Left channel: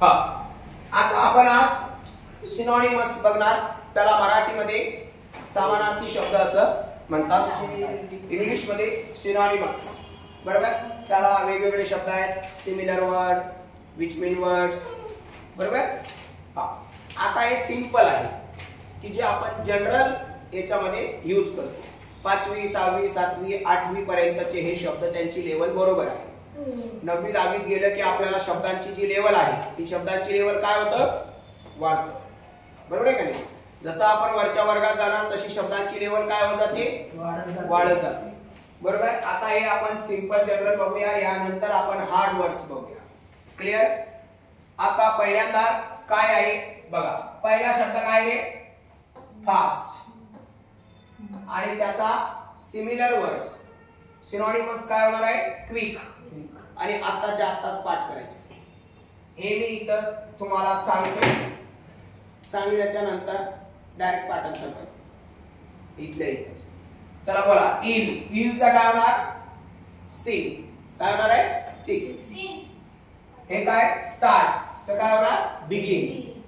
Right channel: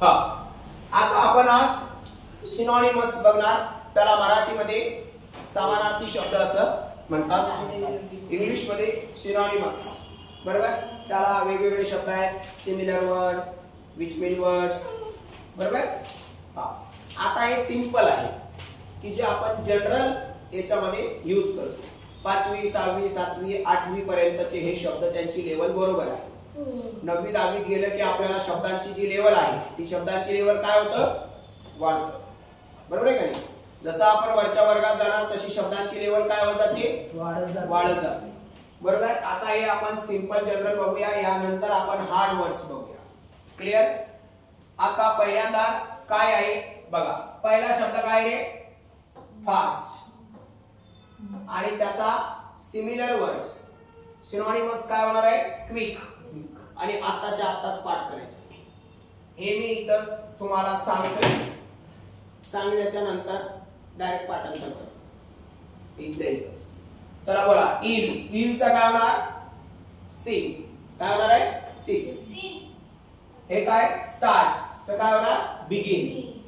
हा, आता आपण आज सिनोनिमस बघणार. त्याला मराठीमध्ये समानार्थी शब्द असं म्हणतात, इंग्लिश मध्ये सिनोनिमस. बरोबर. त्याला वेगवेगळे शब्द आहेत, similar word, which mean words. बरोबर. हा, आता हे सिंपल आहे की जे आपण जनरल याच्यामध्ये यूज करतो. 5वी 6वी 7वी 8वी पर्यंतचे हे शब्द त्यांची लेवल बरोबर आहे. 9वी 10वीत गेलं की आपल्याला शब्दांची जी लेवल आहे ती शब्दांची लेवल काय होतं, वाढतं. बरोबर आहे का नाही. जसं आपण वरच्या वर्गात जाणार तशी शब्दांची लेवल काय होत जाते, वाढत जाते. बरोबर. आता हे आपण सिंपल जनरल बघूया, यानंतर आपण हार्ड वर्ड्स बघूया. क्लिअर. आता पहिल्यांदा काय आहे बघा. पहिला शब्द काय आहे, फास्ट. आणि त्याचा सिमिलर वर्ड्स सिनोनिमस काय होणार आहे, क्विक. आणि आताच्या आताच पाठ करायचं. हे मी इथं तुम्हाला सांगतोय, सांगण्याच्या नंतर डायरेक्ट पाठांतर करतो इथल्या इथं. चला बोला. इल. इलचा काय होणार, सी. काय होणार आहे, सी. हे काय, स्टार्ट चं काय होणार, बिगिन.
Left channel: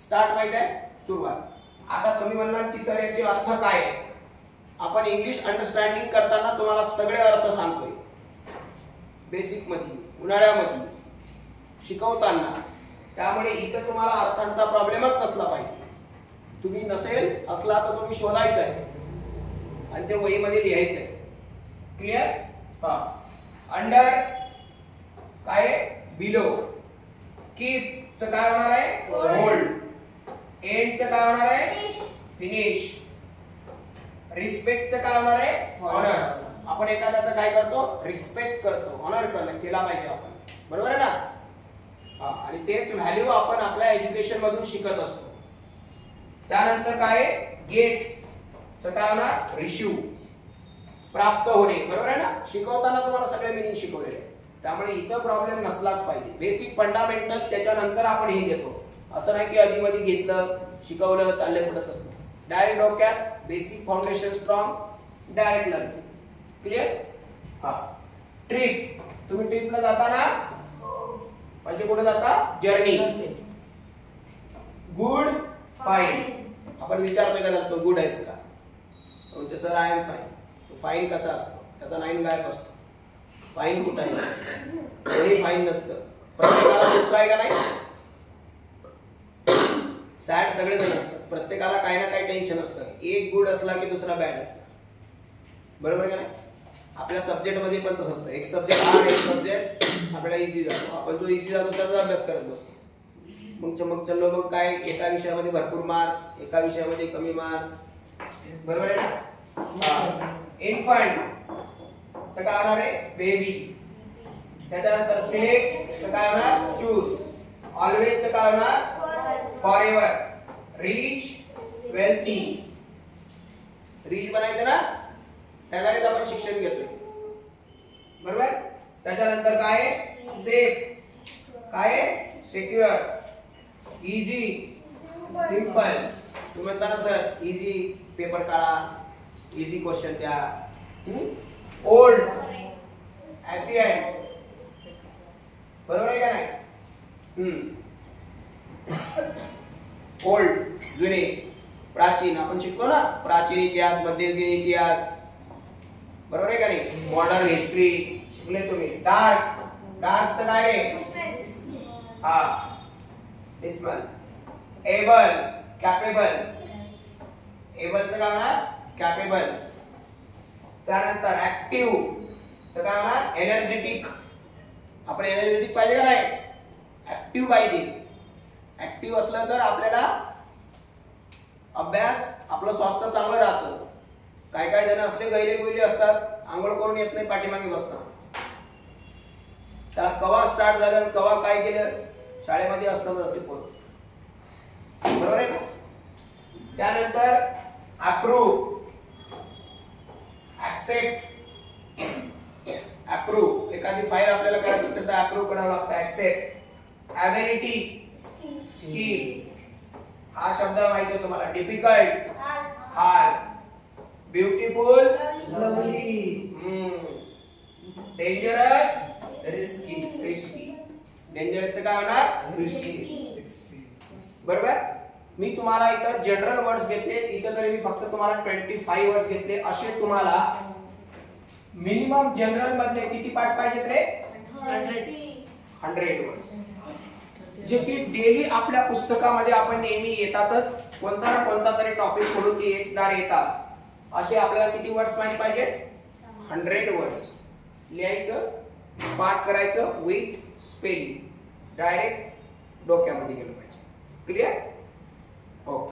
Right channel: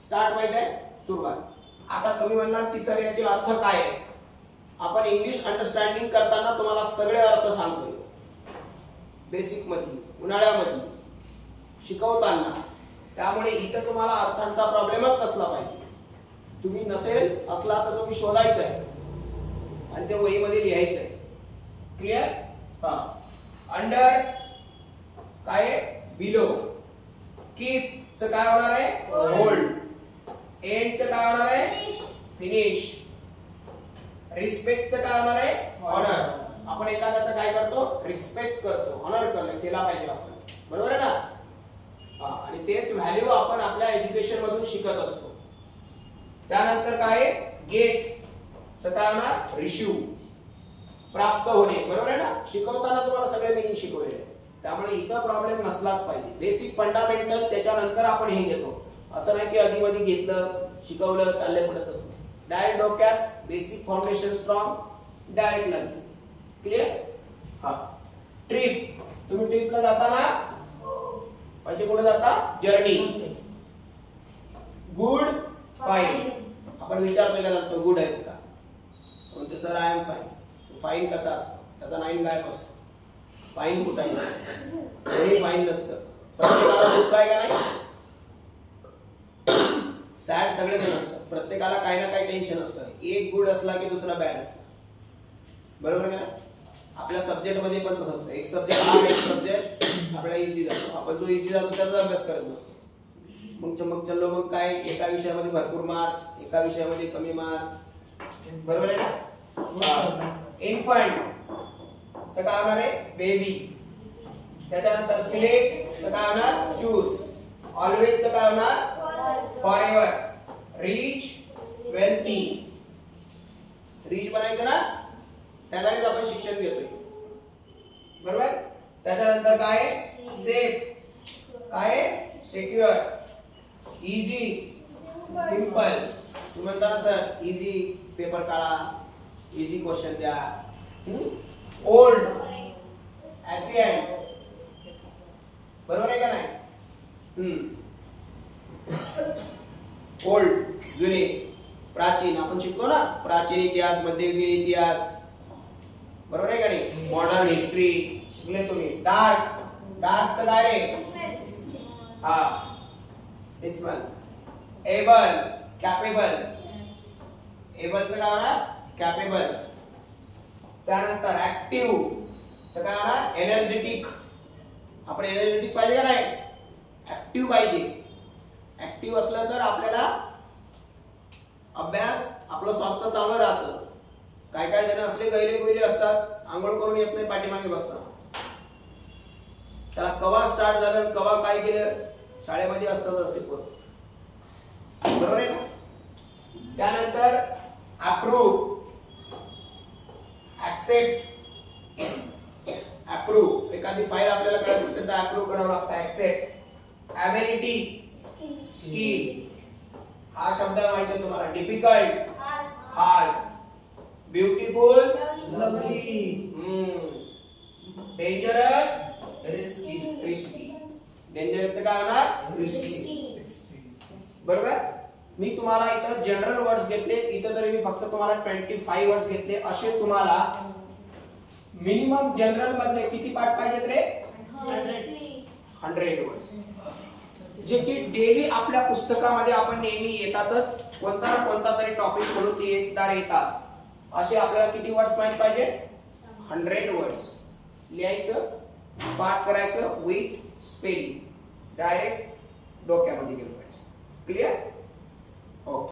स्टार्ट माहित आहे, सुरुवात. आता तुम्ही म्हणणार की सर याचे अर्थ काय आहे. आपण इंग्लिश अंडरस्टँडिंग करताना तुम्हाला सगळे अर्थ सांगतोय, बेसिक मध्ये, उन्हाळ्यामध्ये शिकवताना. त्यामुळे इथं तुम्हाला अर्थांचा प्रॉब्लेमच नसला पाहिजे. तुम्ही नसेल असला तर तुम्ही शोधायचं आहे आणि ते वहीमध्ये लिहायचं आहे. क्लिअर. हा. अंडर काय, बिलो. कीप चं काय होणार आहे, होल्ड. एंड चं काय होणार आहे, फिनिश. रिस्पेक्ट चं काय होणार आहे, ऑनर. आपण एखाद्याचं काय करतो, रिस्पेक्ट करतो, ऑनर केला पाहिजे आपण. बरोबर आहे ना. हा. आणि तेच व्हॅल्यू आपण आपल्या एज्युकेशन मधून शिकत असतो. त्यानंतर काय, गेट चं काय होणार, रिसीव. प्राप्त होणे. बरोबर आहे ना. शिकवताना तुम्हाला सगळे मिनिंग शिकवलेले आहे, त्यामुळे इथं प्रॉब्लेम नसलाच पाहिजे. बेसिक फंडामेंटल त्याच्यानंतर आपण हे घेतो. असं नाही की आधी मध्ये घेतलं, शिकवलं, चालले पुढे तसं. डायरेक्ट डोक्यात basic foundation strong, direct learning. Clear. हा. ट्रिप. तुम्ही ट्रिपला जाता ना, म्हणजे कुठे जाता, जर्नी. Good, fine. आपण विचारतोय का तो गुड आहेस का, म्हणजे sir I am fine. Fine कसा असतो, त्याचा 9 गायब असतो. फाईन कुठं आहे, कोणी फाईन नसतं. प्रत्येकाला दुःख आहे का नाही, सॅड सगळेजण असतात. प्रत्येकाला काही ना काही टेन्शन असतं. एक गुड असला की दुसरा बॅड असला. बरोबर का नाही. आपल्या सब्जेक्ट मध्ये पण तसं असतं. एक सब्जेक्ट हार्ड, एक सब्जेक्ट आपल्याला इझी जातो. आपण जो इझी जातो त्याचा अभ्यास करत बसतो. मग चलो मग काय, एका विषयामध्ये भरपूर मार्क्स, एका विषयामध्ये कमी मार्क्स. बरोबर आहे ना. इन्फंट चं काय होणार आहे, बेबी. त्याच्यानंतर सिलेक्ट चं काय होणार, चूज. ऑलवेज चं काय होणार, फॉरएव्हर. Rich, wealthy. रिच बनायचं ना, त्याच्यानेच आपण शिक्षण घेतोय. बरोबर. त्याच्यानंतर काय, सेफ. काय, सिक्युअर. Easy, simple. तुम्ही म्हणता ना सर इझी पेपर काढा, इझी क्वेश्चन द्या. ओल्ड, ॲसियंट. बरोबर आहे का नाही. ओल्ड, जुने. प्राचीन, आपण शिकलो ना, प्राचीन इतिहास, मध्ययुगीन इतिहास. बरोबर आहे का नाही. मॉडर्न हिस्ट्री शिकले तुम्ही. डार्क. डार्कचं काय रे, हा, डिस्मल. Able, capable. एबलचं काय होणार, कॅपेबल. त्यानंतर ऍक्टिव्ह चं काय होणार, एनर्जेटिक. आपण एनर्जेटिक पाहिजे का नाही, ऍक्टिव्ह पाहिजे. ऍक्टिव्ह असलं तर आपल्याला अभ्यास, आपलं स्वास्थ्य चांगलं राहतं. काही काही जण असले गैले गुहिले असतात, आंघोळ करून येत नाही, पाठीमागे बसतात. त्याला कवा स्टार्ट झालं, कवा काय केलं, शाळेमध्ये असतातच असते पोरं. बरोबर आहे ना. त्यानंतर अप्रूव्ह, ऍक्सेप्ट. अप्रूव्ह, एखादी फाईल आपल्याला करायची असेल तर अप्रूव्ह करावं लागतं. ऍक्सेप्ट. Ability, skill. हा शब्द माहिती आहे तुम्हाला. Difficult, hard. Beautiful, lovely. Dangerous, risky. डेंजरसचं काय होणार रिस्की. बरोबर. मी तुम्हाला इथं जनरल वर्ड्स घेतले, इथं तरी मी फक्त तुम्हाला 25 वर्ड्स घेतले. असे तुम्हाला मिनिमम जनरल मधले किती पाठ पाहिजेत रे 100 वर्ड्स, जे की डेली आपल्या पुस्तकामध्ये आपण नेहमी येतातच, कोणता ना कोणता तरी टॉपिक सोडून ते एकदा येतात. असे आपल्याला किती वर्ड्स माहित पाहिजे 100 वर्ड्स लिहायचं, पाठ करायचं विथ स्पेलिंग, डायरेक्ट डोक्यामध्ये गेलं पाहिजे. क्लिअर. ओके.